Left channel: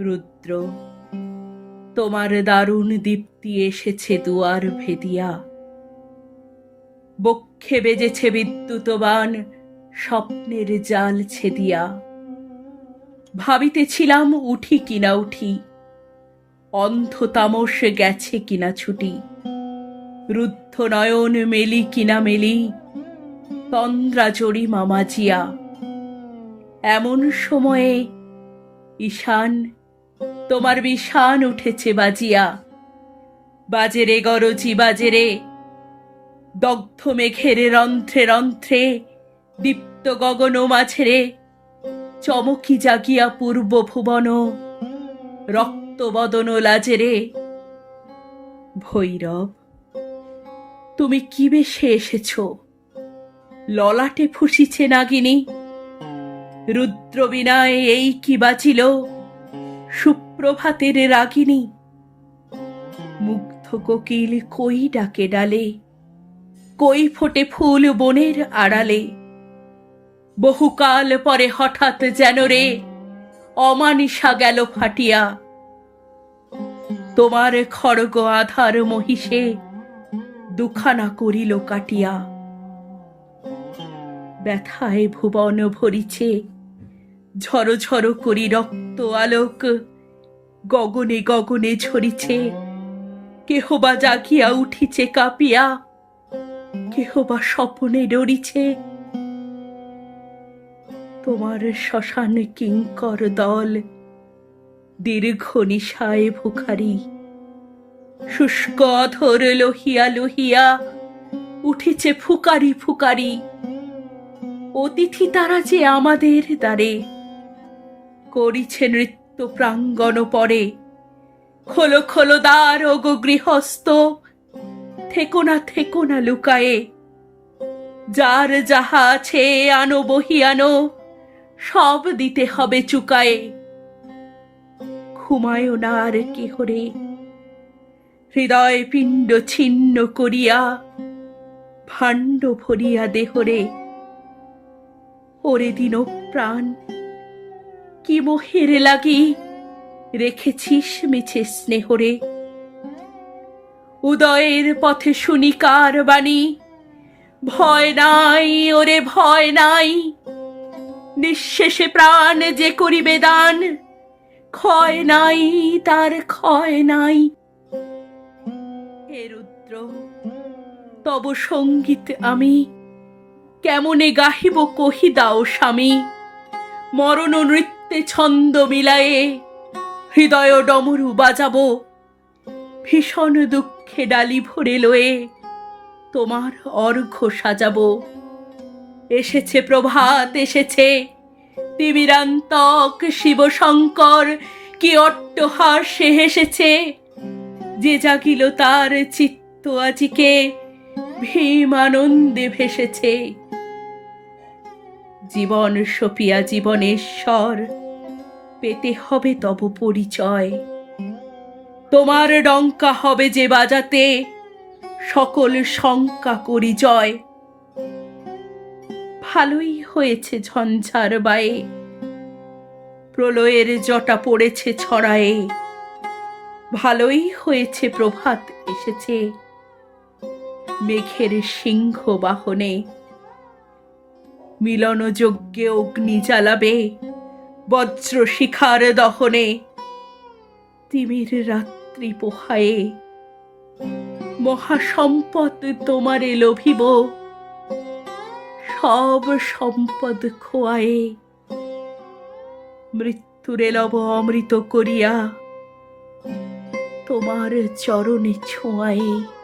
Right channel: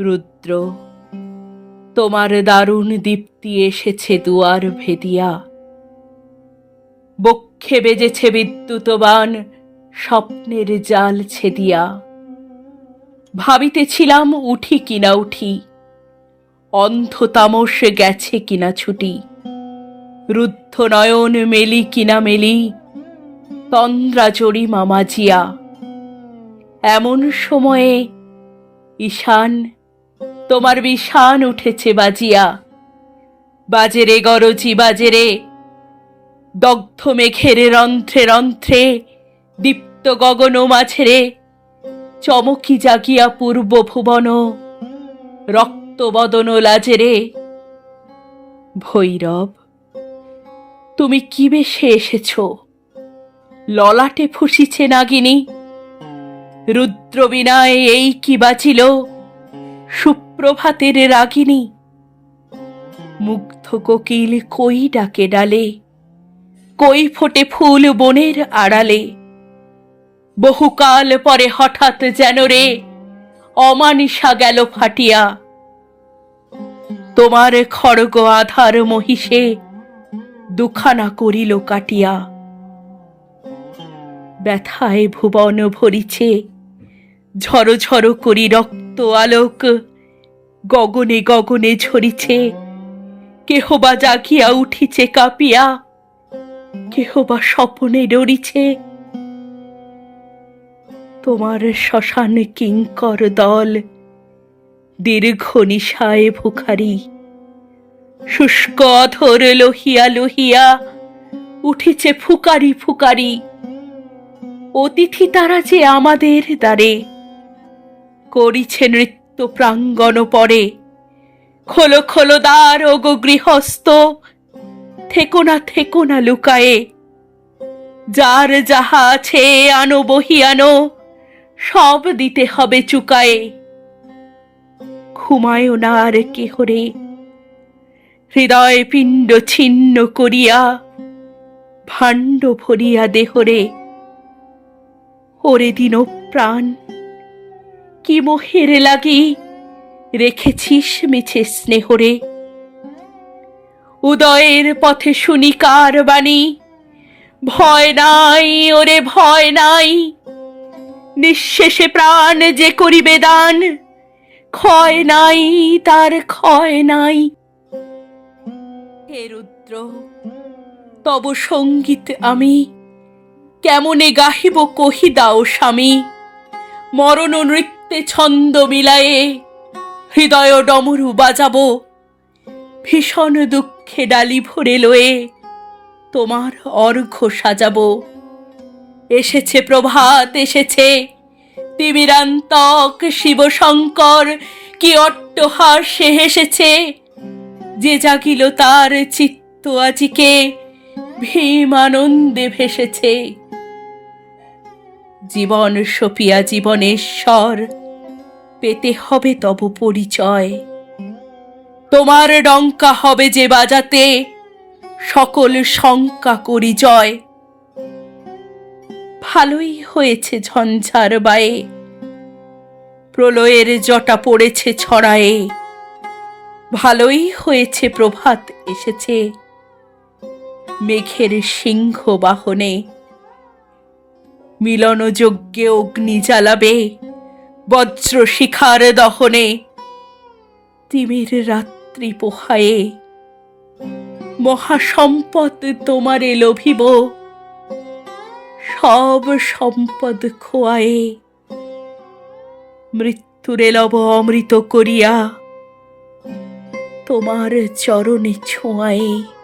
রুদ্র, তোমার দারুণ দীপ্তি এসেছে দুয়ার ভেদিয়া। বক্ষে বেজেছে বিদ্যুতবান, স্বপ্নের জাল ছেদিয়া। ভাবিতেছিলাম উঠি কিনা উঠি, অন্ধ তামস গেছে কিনা ছুটি। রুদ্ধ নয়ন মেলি কিনা মেলি, তন্দ্রা জড়ি মামাজিয়া এমন সময়ে ঈশান তোমার বিষান উঠেছে বাজিয়া। বাজেরে গরজি, বাজেরে দগ্ধ মেঘের রন্ধ্রে রন্ধ্রে, দীপ্ত গগন মাঝেরে চমকি জাগিয়া পূর্ব ভুবন, রক্ত বদন লাজেরে। ভৈরব, তুমি কি বেশে এসেছ? ললাটে ফুসিছে নাগিনী। রুদ্রবিনায় এই কি বাঁচিল সুপ্রভাতের রাগিনী মুগ্ধ কোকিল কই ডাকে ডালে? কই ফোটে ফুল বনের আড়ালে? বহুকাল পরে হঠাৎ যেন রে অমানিসা গেল ফাটিয়া। তোমার খড়গ আধার মহিষে দুখানা করিল কাটিয়া। ব্যথায় ভুবন ভরিছে ঝড়ো ঝরো করি রক্ত আলোক। গগনে গগনে ঝরিছে। কেহ বা জাগিয়া উঠিছে কাঁপিয়া। কেহ বা স্বপনে ডরিছে। তোমার শ্মশান কিঙ্কর দল, দীর্ঘ নিশায় ভুখারি। শুষ্ক অধর লোহিয়া লোহিয়া উঠেছে ফুকারি ফুকারি। অতিথি তারা যে আমাদের দ্বারে করিছে নৃত্য প্রাঙ্গণ পরে খোলো খোলো দ্বার ও গো গৃহস্থ। থেকো না থেকো না লুকায়ে। যার যাহা আছে আনো, বহি আনো। সব দিতে হবে চুকায়ে। ঘুমায়ও না আর কেহরে হৃদয় পিণ্ড ছিন্ন করিয়া, ভাণ্ড ভরিয়া দেহরে ওরে দিন প্রাণ কি মোহের লাগি? রেখেছিস মিছে স্নেহরে। উদয়ের পথে শুনি কার বাণী? ভয় নাই, ওরে ভয় নাই। নিঃশেষে প্রাণ যে করিবে দান, ক্ষয় নাই, তার ক্ষয় নাই। হে রুদ্র, তব সংগীত আমি। কেমনে গাহিব কহি দাও স্বামী? মরণ নৃত্যে ছন্দ মিলায়ে হৃদয় ডমরু বাজাবো, ভীষণ দুঃখে ডালি ভরে লয়ে তোমার অর্ঘ্য সাজাবো। এসেছে প্রভাত, এসেছে তিমিরান্তক, শিবশঙ্কর, কি অট্টহাস্যে হেসেছে। যে জাগিল তার চিত্ত আজিকে ভীম আনন্দে ভেসেছে। জীবন সপিয়া জীবনেশ্বর পেতে হবে তব পরিচয়। তোমার ডঙ্কা হবে যে বাজাতে, সকল শঙ্কা করি জয়। ভালোই হয়েছে ঝঞ্ঝার বায়ে, প্রলয়ের জটা পড়েছে ছড়ায়ে। ভালোই হয়েছে প্রভাত এসেছে, মেঘের সিংহ বাহনে। মিলন যজ্ঞে অগ্নি জ্বালাবে বজ্র শিখার দহনে তিমির রাত্রি পোহায়ে। মহাসম্পদ তোমারে লোভিব, সব সম্পদ খোয়ায়ে। মৃত্যুরে লব অমৃত করিয়া তোমার চরণে ছোঁয়ায়ে।